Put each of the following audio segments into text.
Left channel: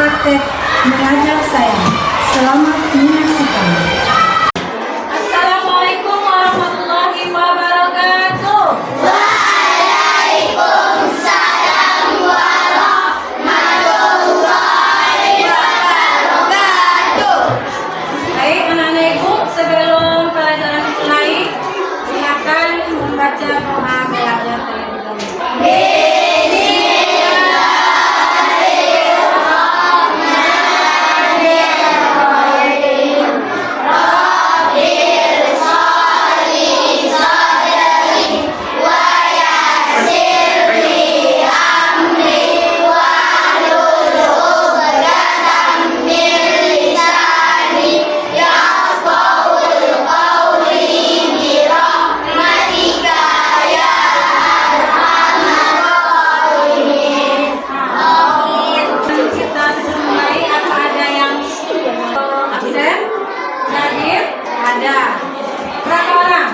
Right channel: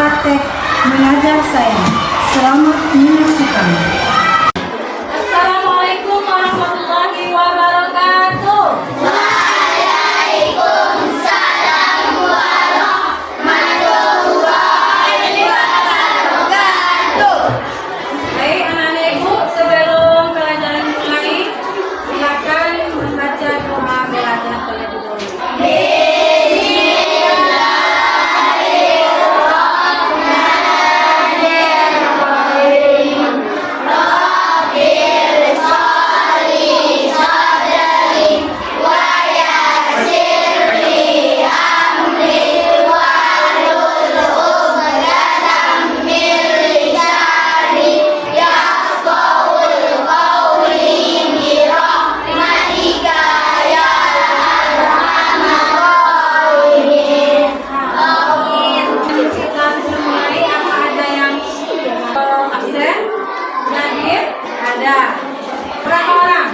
praktek mengajar saya. Selamat menyaksikan. Assalamualaikum warahmatullahi wabarakatuh. Waalaikumsalam warahmatullahi wabarakatuh. Baik anak-anak ibu, sebelum pelajaran mulai, silakan membaca doa belajar terlebih dahulu. Kita sebelum mulai, apa ada yang absen? Hadir? Ada. Berapa orang?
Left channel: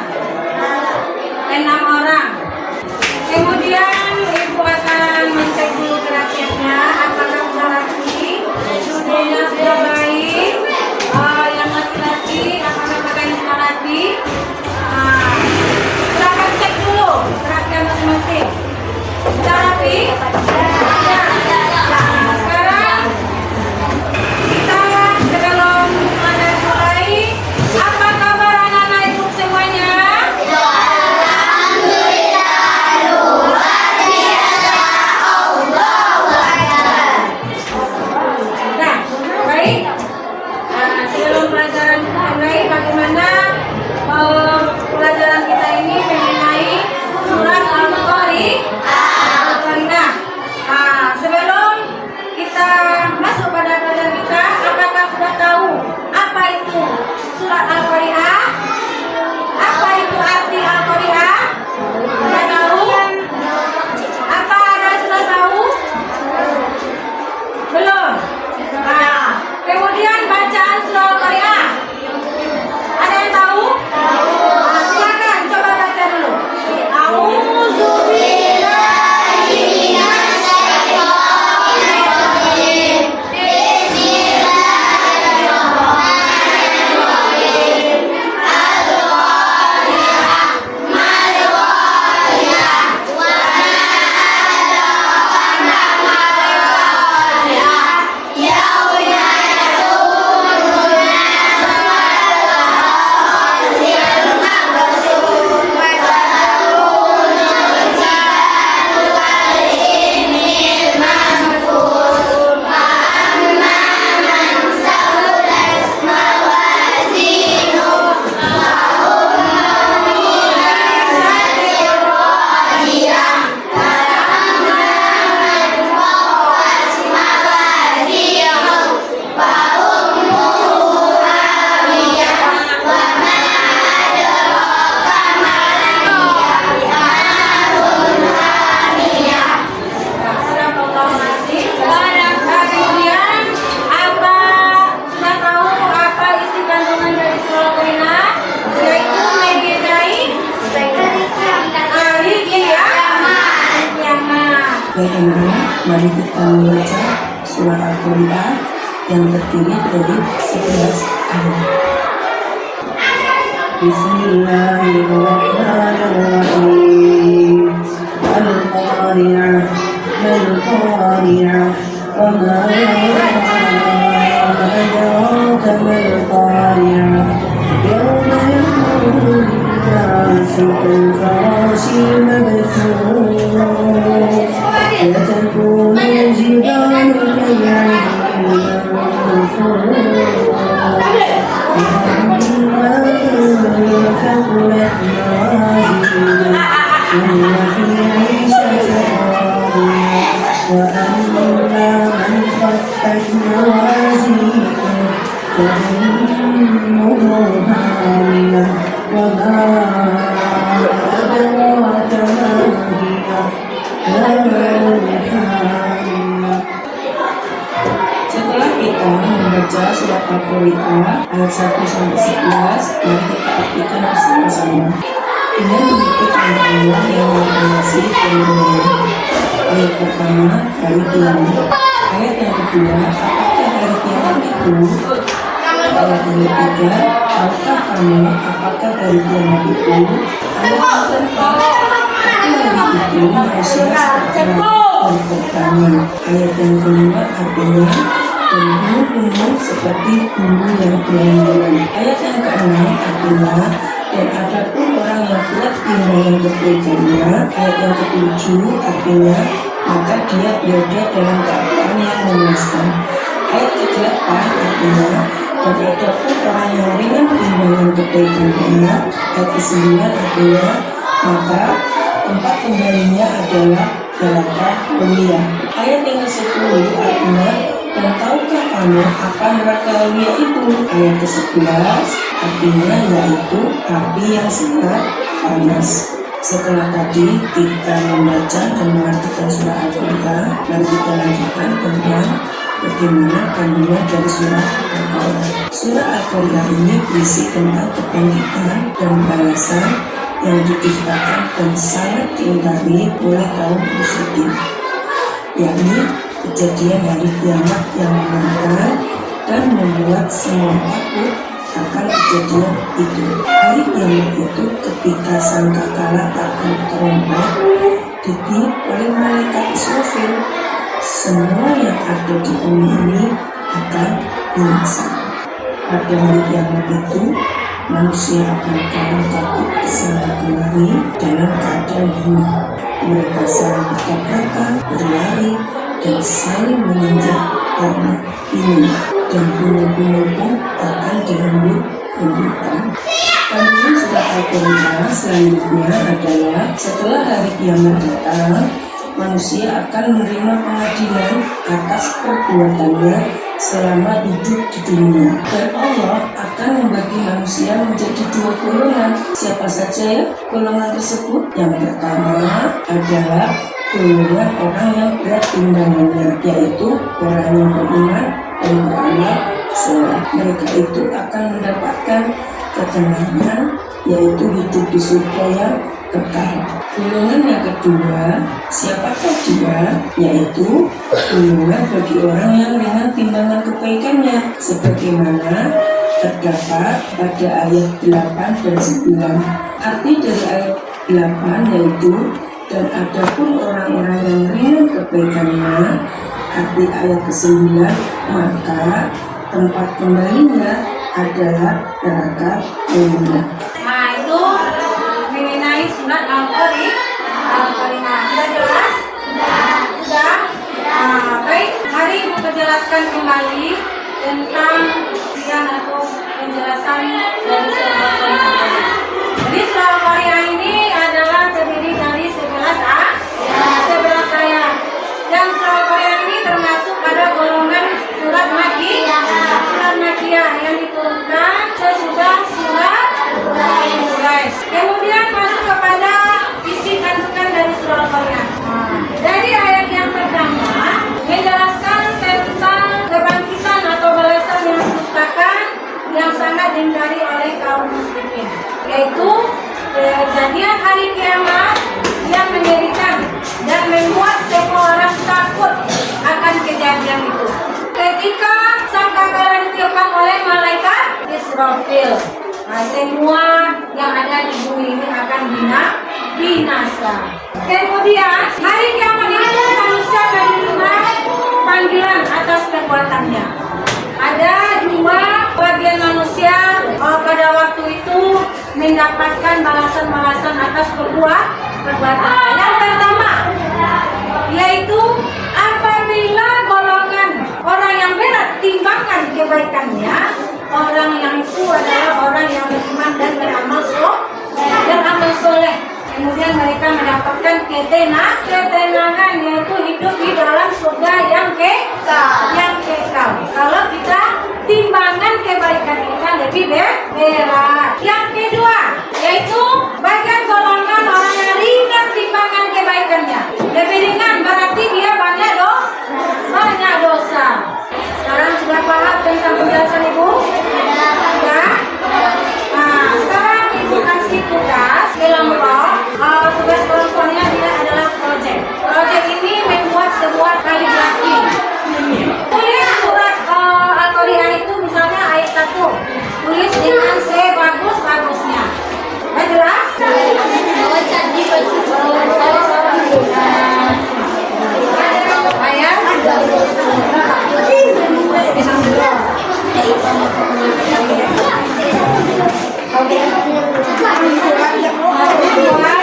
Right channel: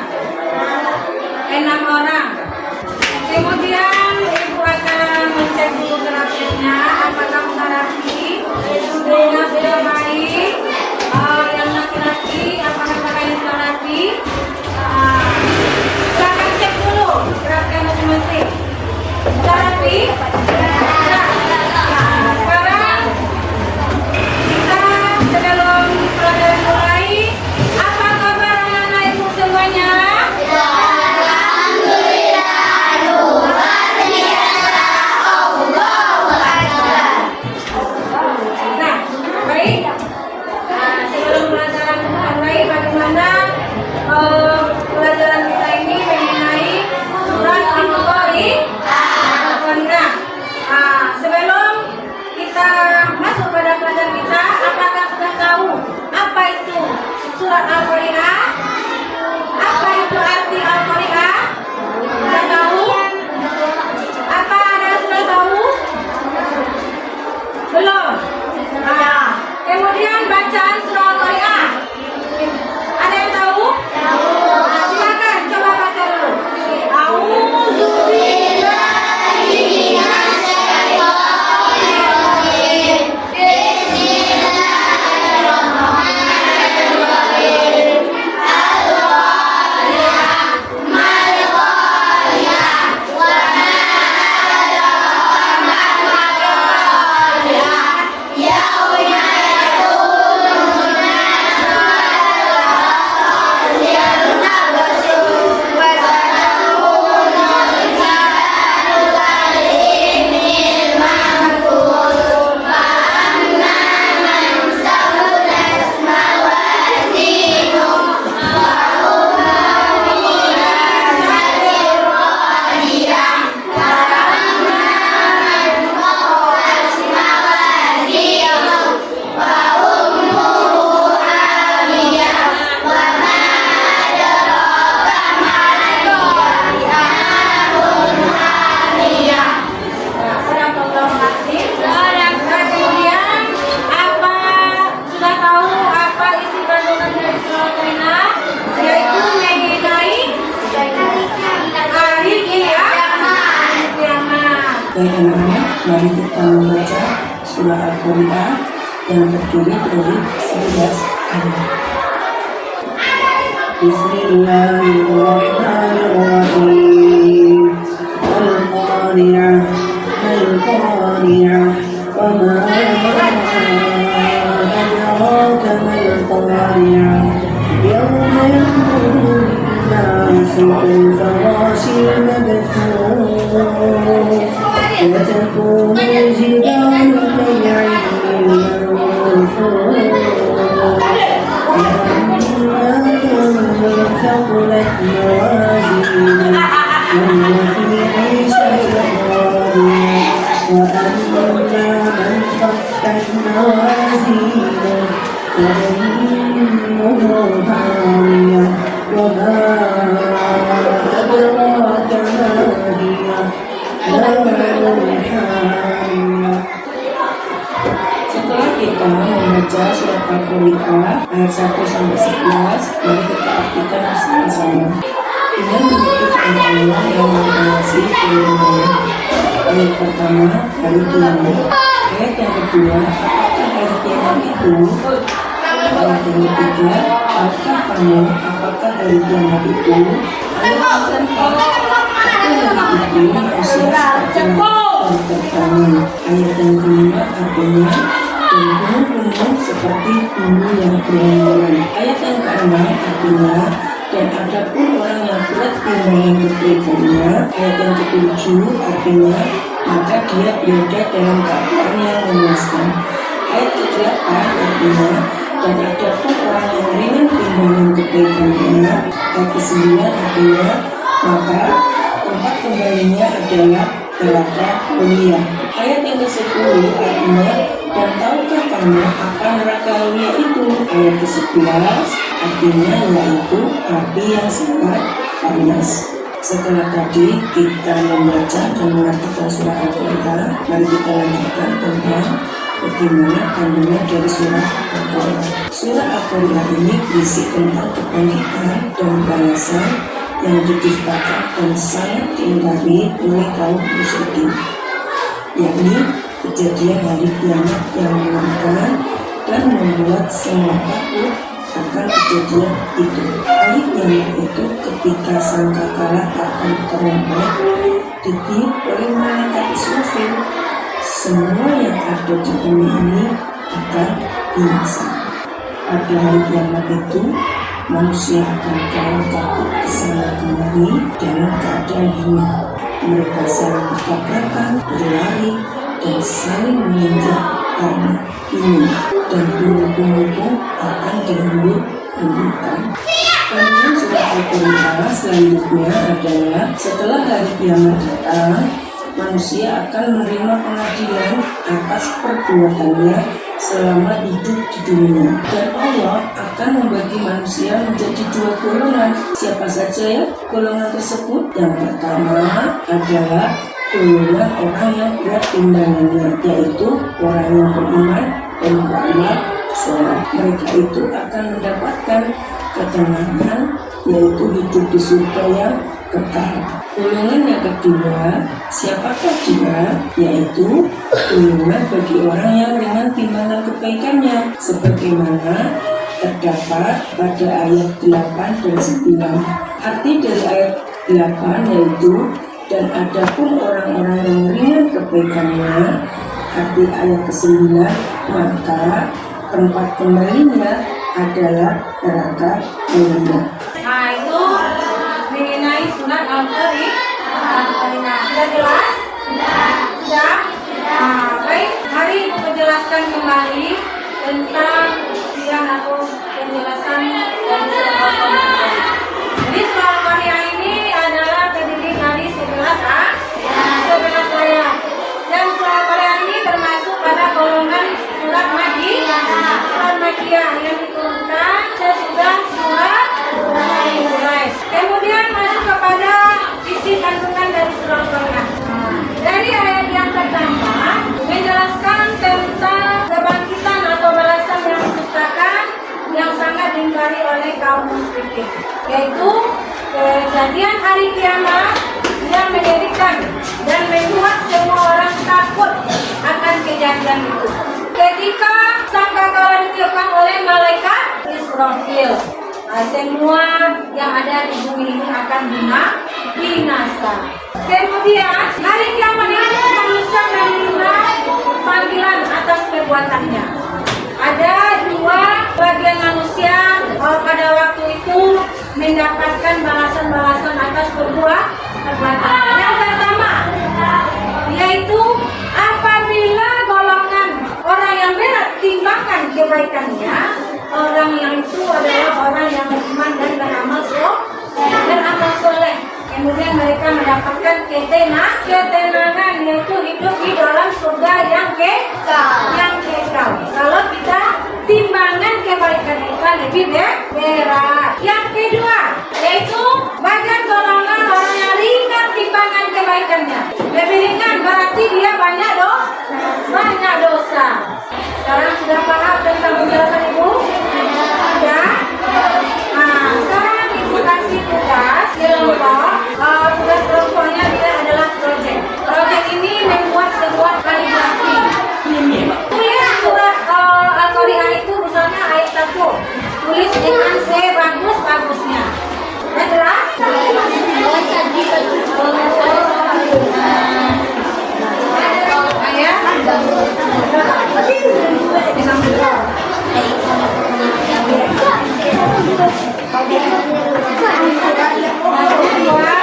6 orang. Kemudian ibu akan mengecek dulu grafiknya, apakah sudah rapi, duduknya sudah baik, yang laki-laki apakah pakainya sudah rapi. Silakan cek dulu gerakan masing-masing. Sudah rapi? Nah, sekarang kita sebelum pelajaran mulai, apa kabar anak-anak ibu semuanya? Nah, baik. Sebelum pelajaran mulai, bagaimana pelajaran kita ini mengenai surat Al-Qari'ah. Sebelum kita masuk pada pelajaran kita, apakah sudah tahu apa itu surat Al-Qari'ah? Apa itu arti Al-Qari'ah? Sudah tahu? Apa ada sudah tahu? Belum? Kemudian bacaan surah Al-Qari'ah. Ada yang tahu? Silakan coba baca dulu. A'udzubillahi minasyaitonirrajim. Bismillahirrahmanirrahim. Al-Qari'ah, mal-Qari'ah, wa ma adraka mal-Qari'ah. Yauma yakunu nasu al-qasir nabasum wa satakunu al-jalalu al-imil manfus fa amma man saqulat mawazinuhu fa ummuhu radiyah wa amma man khaffat mawazinuhu fa ummuhu hawiyah wa ma adraka mal-qari'ah hamiyah. Kemudian apa sudah tahu apa isi kandungan dari surah Al-Qari'ah? Yaitu mengenai hari kiamat. Baik anak-anak, mari kita membaca surah Al-Qari'ah yang terdiri dari 11 ayat. Bismillahirrahmanirrahim. Al-Qari'ah, Al-Qari'ah, wa ma adraka mal-Qari'ah. Yawma yakunu an-nasu kal-farashi mabthus. وتكون الجبال كالعهن المنفوش فأما من ثقلت موازينه فهو في عيشة راضية وأما من خفت موازينه فأمه هاوية وما أدراك ما هي Setelah kita membaca surat Al-Qari'ah ayat 1 sampai 11, mari kita artikan bersama-sama. Dengan mengikuti Allah yang mengawasi firman-Nya. Ayat pertama, hari kiamat. Ayat yang kedua, apakah hari kiamat itu? Ayat yang ketiga, tahukah kamu apakah hari kiamat itu? Ayat yang keempat, pada hari itu manusia akan terbangun. Ayat yang kelima artinya dan gunung-gunung seperti bumbu yang berhamburan. Ayat yang keenam artinya dan adapun orang yang kuat timbangan kebaikannya. Ayat yang ketujuh artinya maka dia berada dalam keadaan yang memuaskan. Ayat ke-8 artinya dan adapun orang yang ringan timbangan kebaikannya. Ayat ke-9 artinya maka tempat kembalinya adalah neraka mulia. Ayat yang ke-10 artinya dan tahukah kamu apa neraka mulia itu? Ayat ke-11 artinya yaitu api yang sangat panas. Setelah tadi kita membaca dan mengartikan surah Al-Quran, mari kita lanjutkan tentang bagaimana kandungan dari surah Al-Quran. Surah Al-Quran ini berisi tentang kebangkitan dan balasan yang didustakan dan sangat diingkari oleh kaum musyrikin, yakni kejadian hari kiamat yang menantang dan membuat semua takut akan kejadian itu. Hari kiamat itu ketika sangkakala akan terompet ditiup oleh malaikat Israfil, semua yang ada di bumi ini akan binasa. Pada hari kiamat itu manusia akan kalah takut kesana kemari dalam keadaan ini. Mereka saling bertabrakan, berlari, dan saling menginjak karena ini. Dan gunung-gunung pun akan dihembur-hemburkan. Kandungan surah Al-Quran selanjutnya adalah setelah hari kiamat datang, manusia akan menerima pengadilan atas perbuatannya selama hidup di dunia. Dan Allah akan membagi manusia menjadi dua golongan. Siapa saja ya golongan tersebut? Yang pertama adalah golongan orang yang berat timbangannya, yaitu orang yang beriman dan beramal soleh. Mereka itu akan mendapatkan ketenangan, yaitu hidup di surga yang kekal. Golongan yang kedua, siapakah dia? Yaitu golongan bagi orang yang ringan timbangan kebaikannya, sebagaimana terdapat pada ayat 8 dan 9. Arti dari ayat 8 yaitu dan adapun orang-orang yang ringan kebaikannya. Arti ayat ke-9, maka tempat kembalinya adalah neraka mulia. Nah, itu mengenai sunat Al-Quran. Sudah jelas? Sudah? Nah, baik. Mari Ibu menjelaskan kembali tentang atau penjelasan dari surah Al-Quran. Jadi surah Al-Quran ini adalah terdiri dari 11 ayat. Dan surah Al-Quran ini termasuk pada golongan surat Makiyah yang diturunkan sesudah surat Quraisy. Kemudian masuk kepada isi kandungan dari surah Al-Quran. Dari ayat yang pertama menjelaskan tentang kebangkitan atau balasan yang didustakan yang sangat diingkari oleh kaum musyrikin, yaitu kejadian hari kiamat yang mengerikan dan membuat semua orang takut akan kejadian itu. Ketika sangkakala ditiupkan oleh malaikat Israfil, semua yang ada di bumi ini akan binasa. Kemudian hari kiamat itu manusia menerima panggilan atas perbuatannya. Ada dua bagian manusia pada waktu itu mendapatkan balasan-balasan atas perbuatan. Yang pertama yaitu apabila golongan orang yang berat timbangan kebaikannya, orang yang itu adalah orang yang beriman dan beramal soleh. Kemudian mereka mendapatkan ketenangan, yaitu hidup di dalam surga yang kekal. Kalau kita timbangan kebaikan kita lebih berat. Yang kedua yaitu bagian golongan orang yang ringan timbangan kebaikannya. Lebih ringan berarti dia banyak dosa. Sekarang sudah paham tentang penjelasan Ibu? Ya. Nah, sekarang Ibu kasih tugas kelompok. Tugas kelompoknya dia adalah proyek. Proyek ini membuat sebuah kaligrafi. dengan sebagus-bagusnya. Sudah jelas? Ayat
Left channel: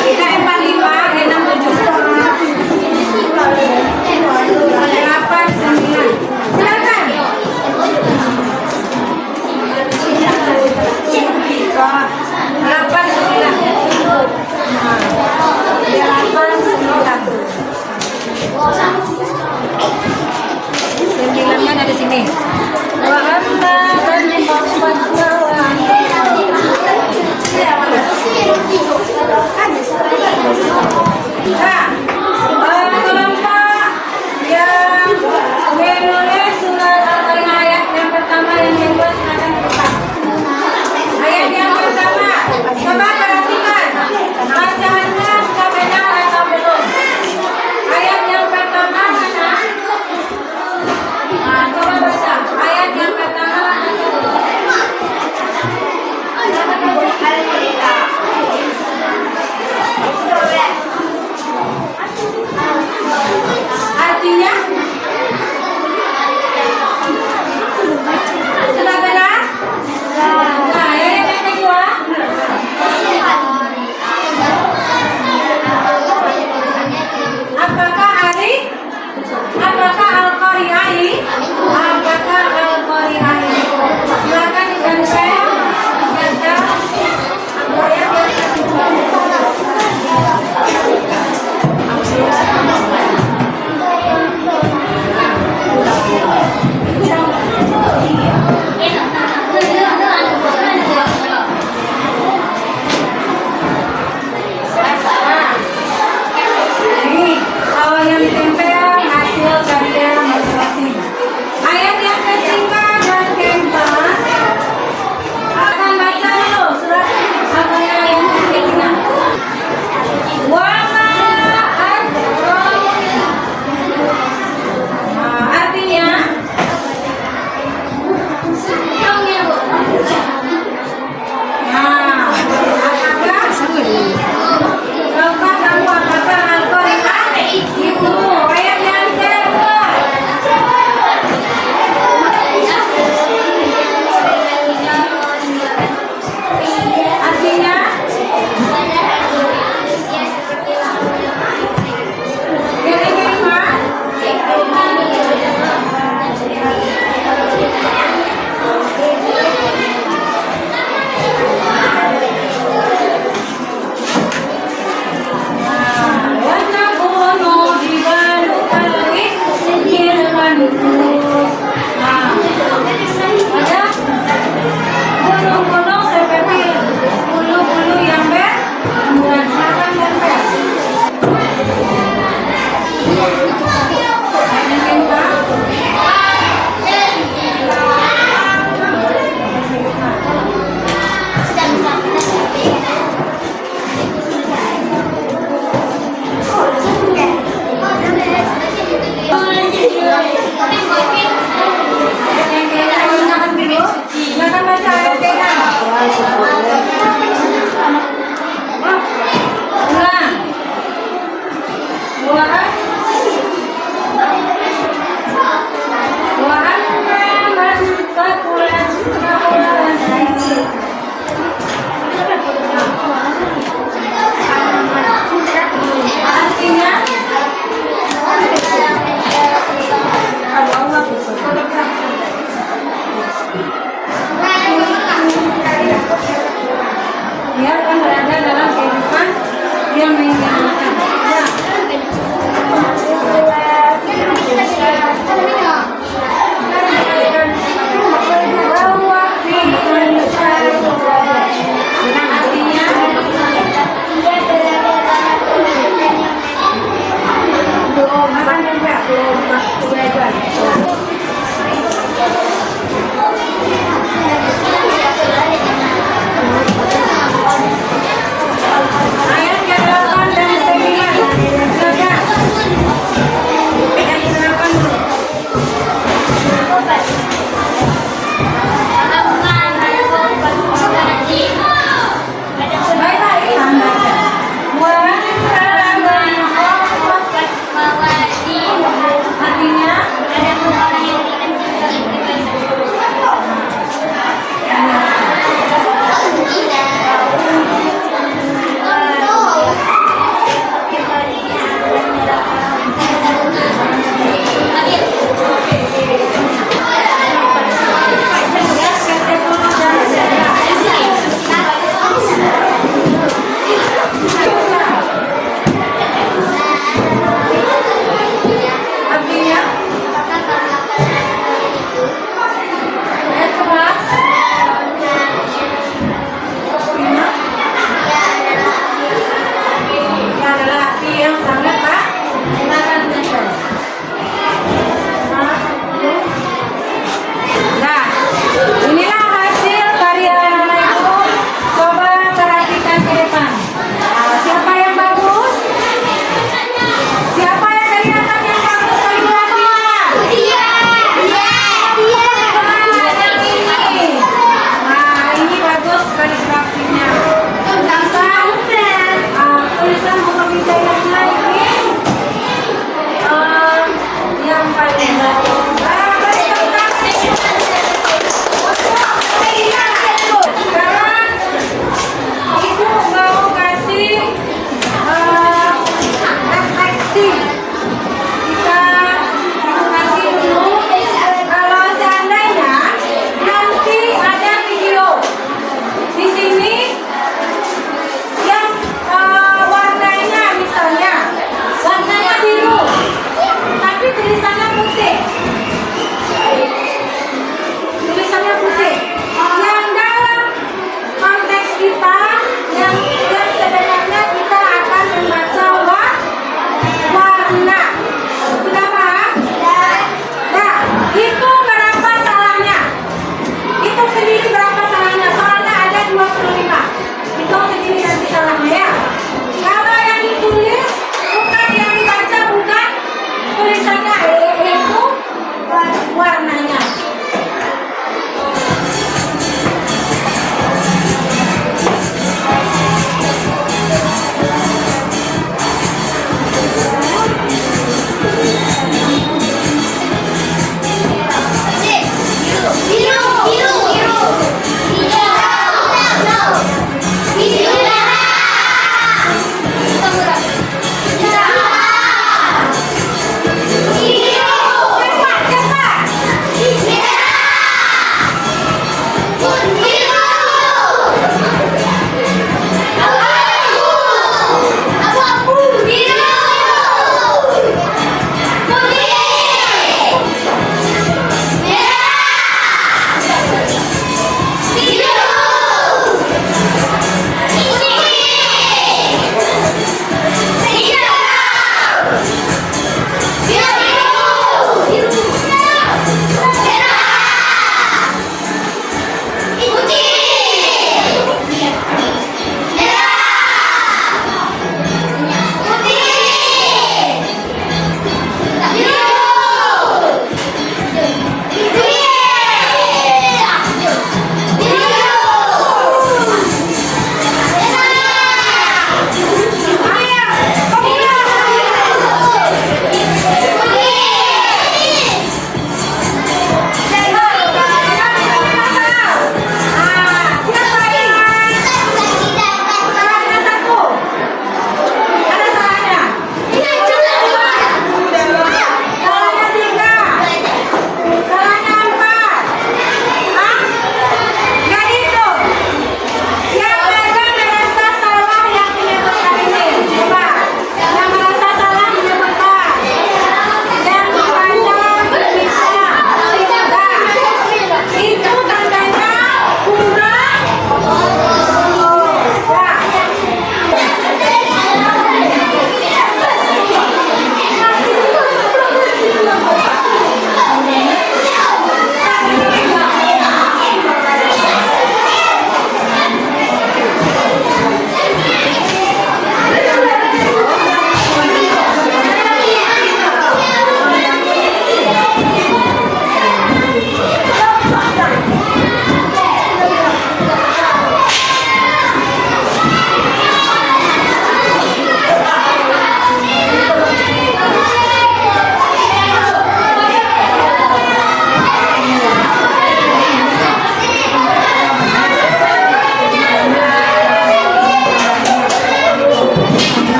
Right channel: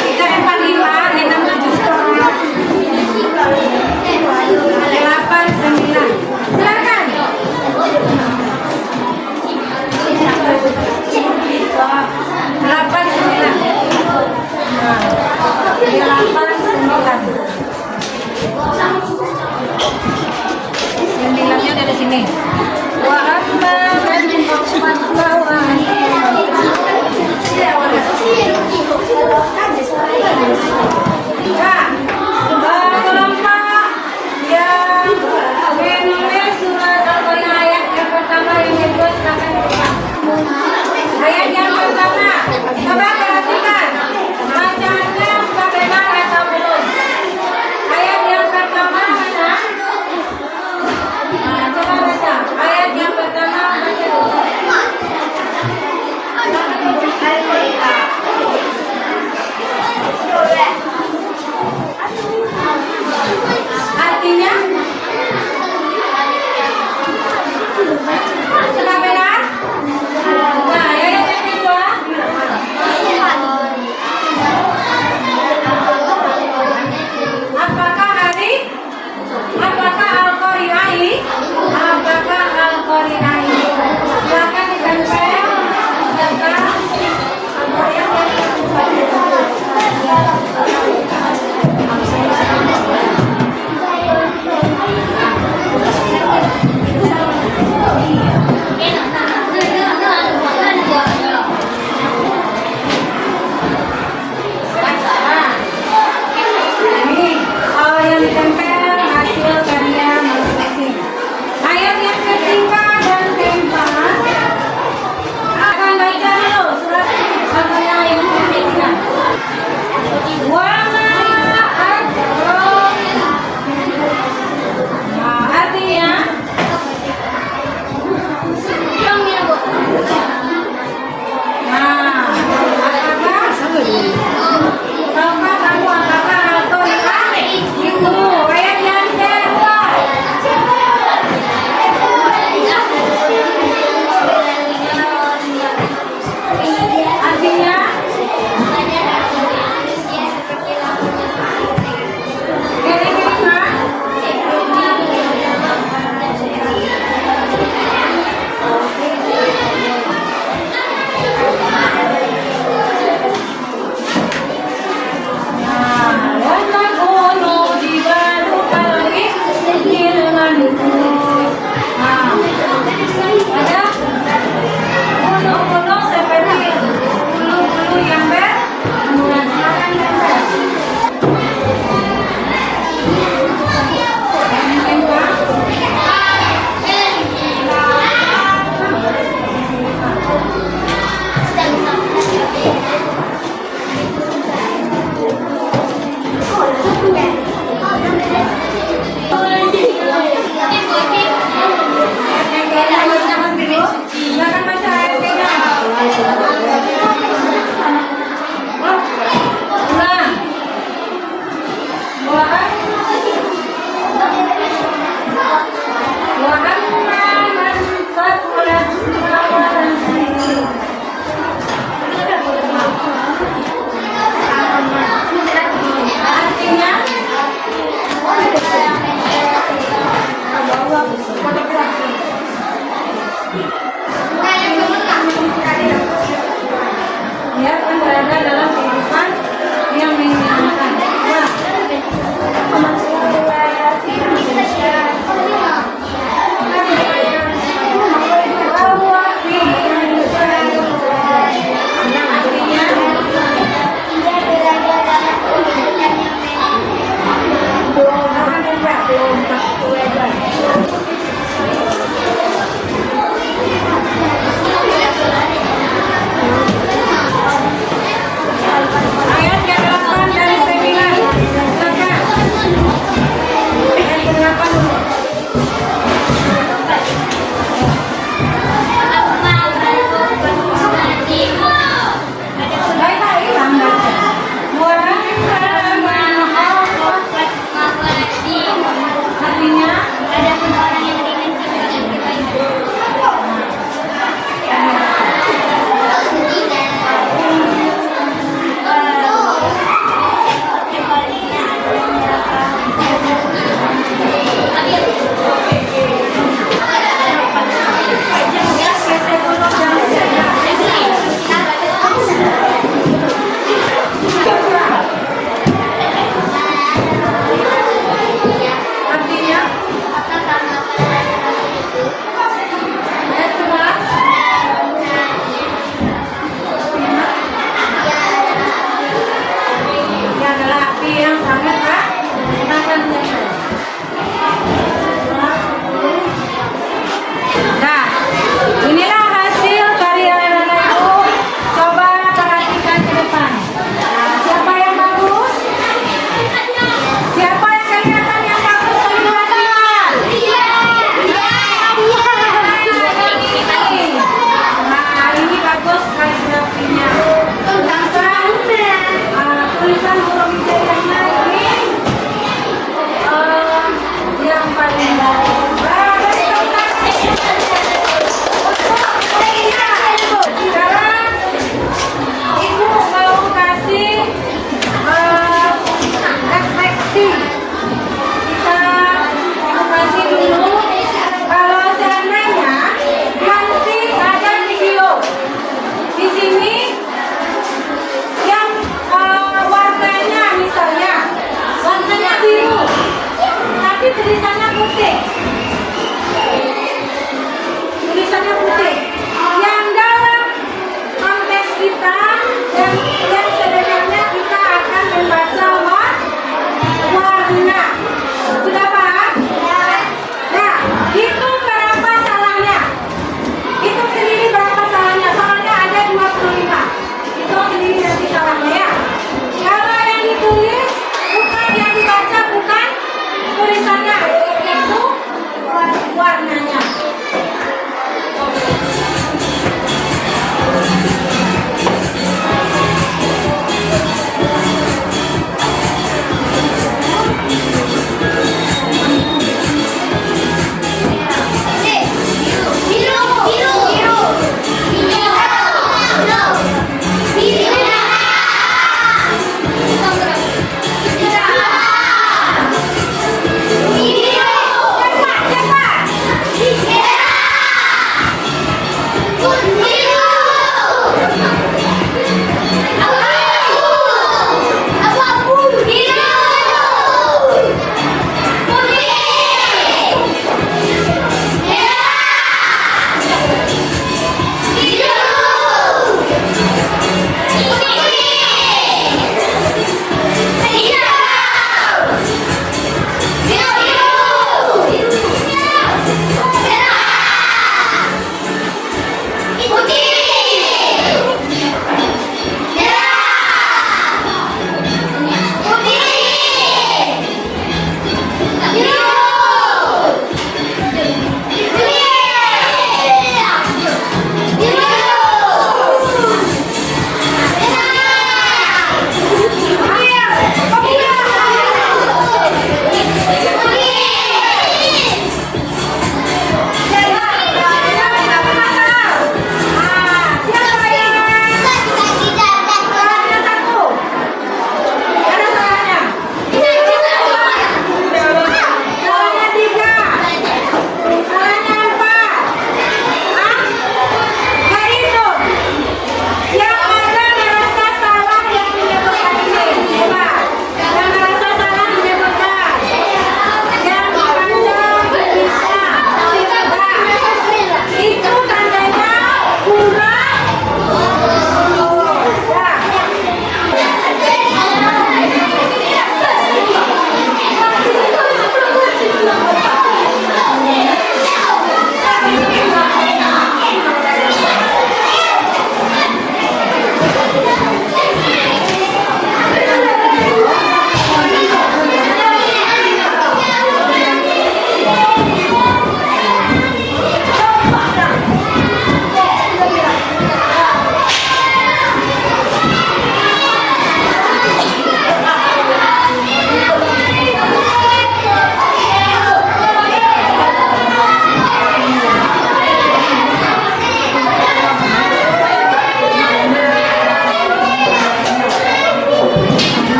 kita 45, 8, 9. Silakan. Delapan, 9. Sembilannya dari sini. Wa amma man fatwa wa Nah, kelompok yang menulis surat Al-Qur'an ayat yang pertama yang kedua silakan dibuka. Ayat yang pertama, coba perhatikan bacaannya sudah benar atau belum? Ayat yang pertama mana? Nah, coba baca ayat yang pertama. Artinya sudah benar? Nah, ayat yang kedua. Apakah Al-Qari'ah? Apakah Al-Qari'ah? Silakan ditempel. Ayat yang kedua. Ini yang ditempel hasil karya masing-masing. Ayat yang ketiga dan